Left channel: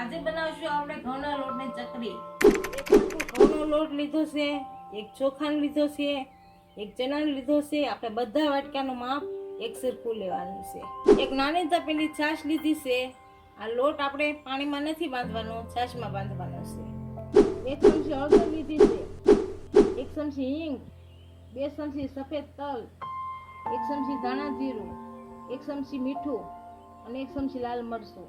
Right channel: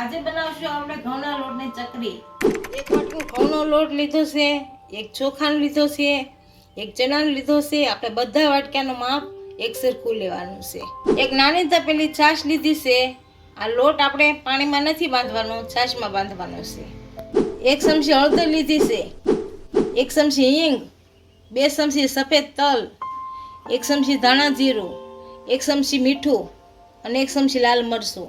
આજે બનાવશું આપણે ઘઉંના લોટની ચકરી। એક વાટકો ઘઉંનો લોટ લીધો છે, એક ચોખાનો લીધો છે, એક ચણાનો લીધો છે। આપણે બધા વાટકાનું માપ એક સરખું લેવાનું છે। એક નાની તપેલી છાશ લીધી છે। આ લોટ આપણે પાણીમાં નથી બાંધવાનો, છાશમાં બાંધવાનો છે। એક ચમચી હળદર લીધી છે, એક ચમચી હિંગ, 2 ચમચી સફેદ તલ, એક ચમચી ધાણા જીરું, એક ચમચી મીઠું અને એક ચમચી લાલ મરચું।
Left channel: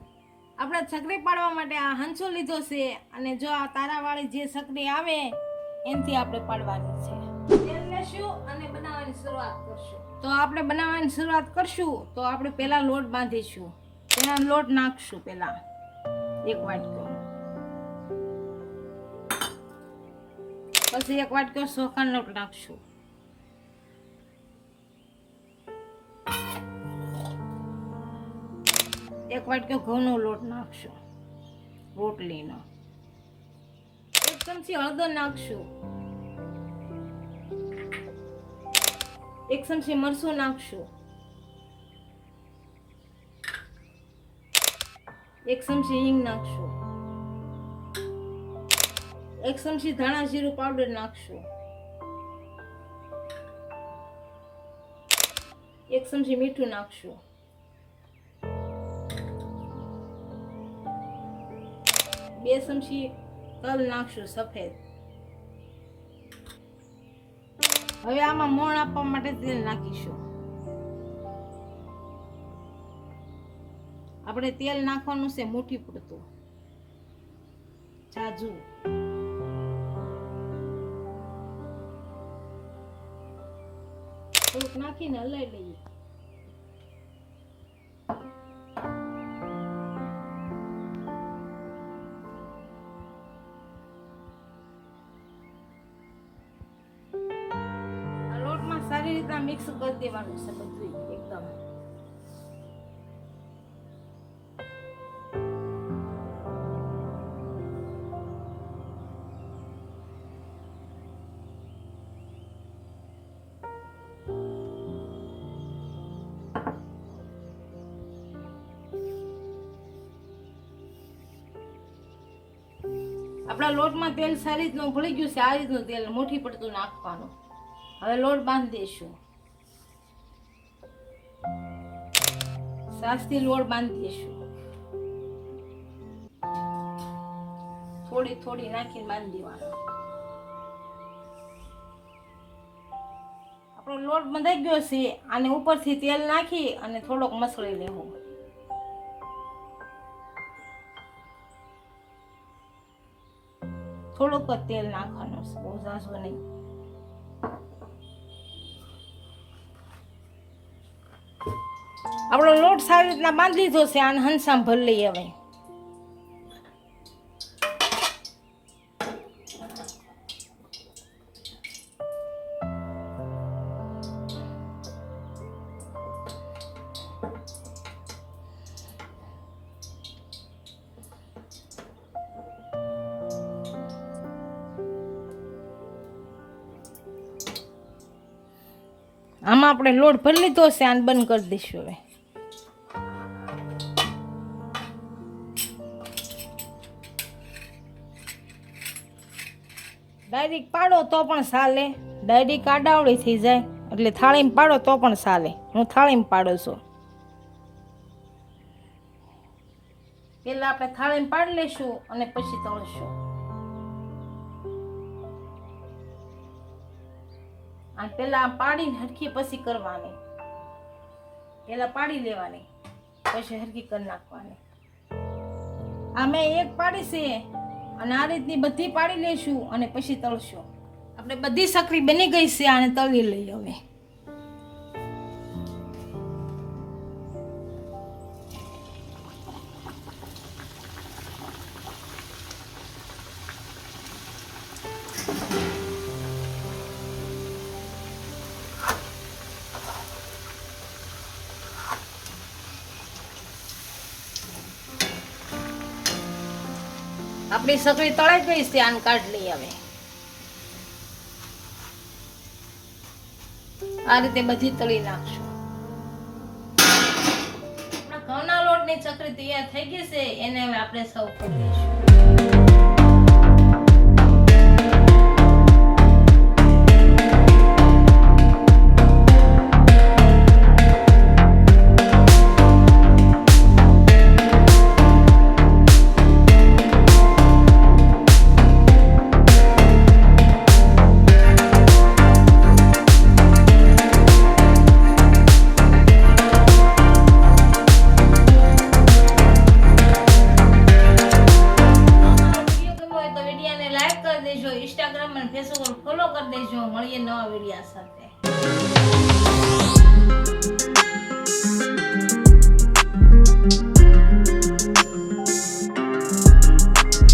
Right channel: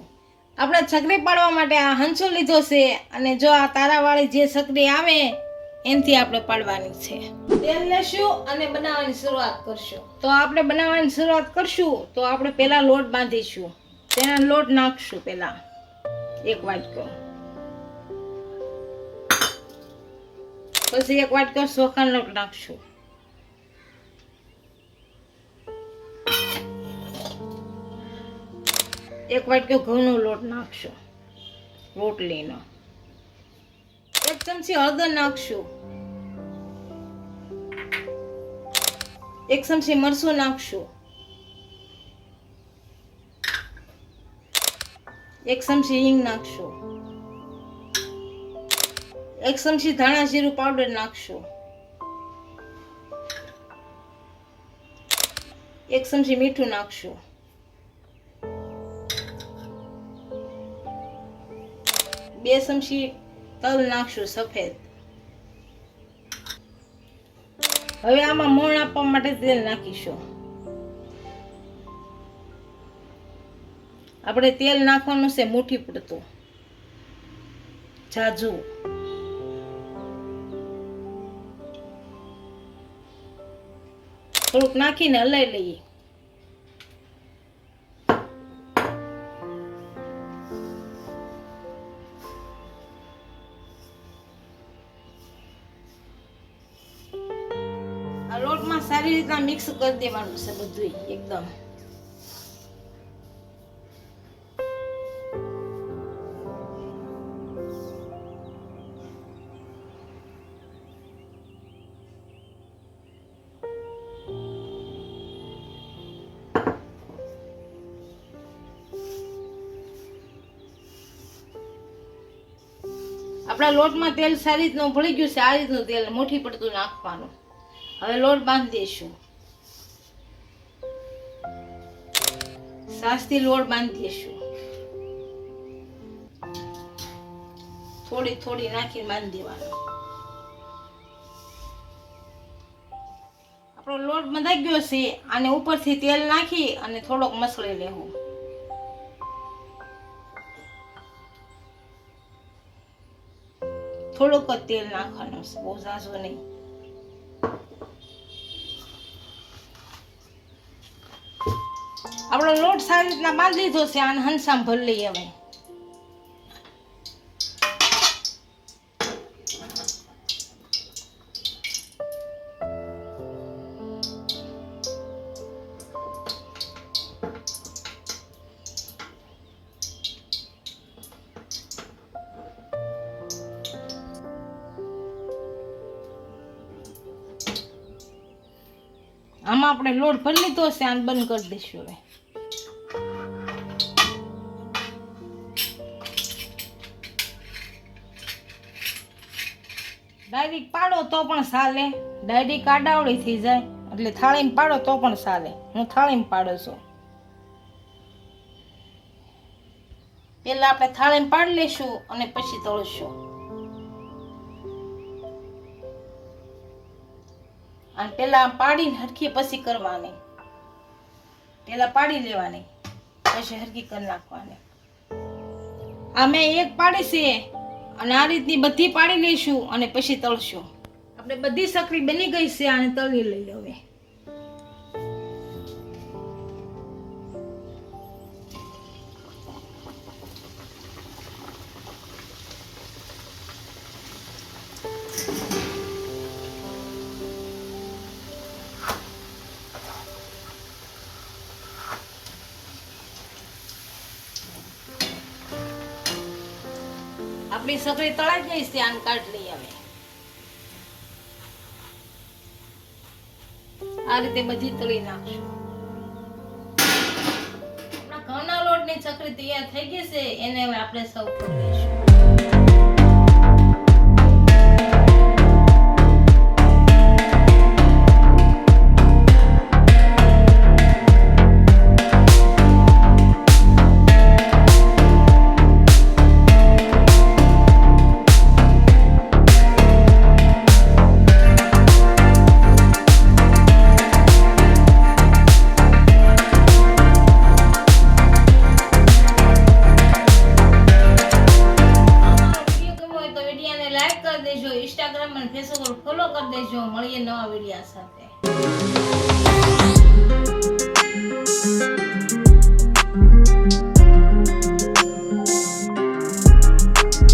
આપણે ચકરી પાડવા માટે આ હંચો લીધો છે અને જો આ તારાવાળી જે ચકરી આવે એનથી આપણે પાડવાની છે। તેલ લેશું અને બનાવવાની શરૂઆત કરશું। તો આપણે બનાવવાની શરૂઆત કરશું તો આપણે પહેલા લોટ બાંધીશું। તેના લોટ નાખશું પહેલા એક વાટકો, પછી એક વાટકો ચોખાનો લોટ નાખશું, એક વાટકો ઘઉંનો લોટ નાખશું રોટલીનો, એક ચમચી હળદર નાખશું, એક ચમચી મરચું નાખશું, એક ચમચી હિંગ નાખશું, એક ચમચી ધાણા જીરું પાવડર નાખશું, એક ચમચી મીઠું નાખશું, 2 ચમચી તલ નાખશું સફેદ। હવે આમાં મોણ આપવા માટે તેલ નાખીશું। આપણે તેલ નાખવાનું છે મુઠ્ઠી પૂરતું, જાજુ। થોડુંક નાખીને હલાવી લઈએ। આ લોટમાં સારી રીતના મિક્સ કરી દેવાનું છે બધું એકદમ। આપણા લોટમાં તેલ સારી રીતનું ભળી ગયું છે। આ રીતનું તેલ મુઠ્ઠી પડતું નાખવાનું। હવે લોટ બાંધી દઈશું, સાસથી લોટ બાંધી દઈશું, થોડી થોડી નાખીને બાંધી દેવાનો। આપણો લોટ બંધાઈ ગયો છે, આને ઉપરથી તેલ નાખી અને થોડોક મસળી લેવું। થોડુંક જ તેલ નાખવાનું છે, બહુ ઝાઝું નહીં। આપણો લોટ સારી રીતના બાંધી દીધો છે, આને હંસામાં ભરી લઈએ હવે। આમાં આપણે લોટ ભરી લીધો છે, આને બંધ કરી દઈશું હવે। ડાયરેક્ટ પાડો તો પણ ચાલે, ડાયરેક્ટ આડાવડી થઈ જાય એટલે થાળીમાં પાડો તો પણ ચાલે। હું થાળીમાં પાડું છું। પહેલા આપણે થાળીમાં પાડી લઈશું અને પછી તળીશું। અને પેલા પાડીને હરખી પછી કરવાની, પેલા પાડી લેવાની પછી હરખી કરી નાખવાની। આ મેં એક પાડી છે અને આ રીતની બધી પાડી લઈશું અને પછી તળશું। આપણે બધી ચકરી બની ગઈ છે, આને તળી લઈએ હવે। આપણી ચકરી તળાઈ ગઈ છે, આને કાઢી લઈએ હવે। આ રીતે બધી તળી નાખશું। આપણા ઘઉંના લોટ લોટની ચકરી તૈયાર થઈ ગઈ છે, એને હવે આપણે સર્વ કરી લઈશું. લાઈક કરી દેજો, ઇન્સ્ટાગ્રામ અને ફેસબુક પર ફોલો કરી દેજો. મળીએ નવા વિડિયા સાથે.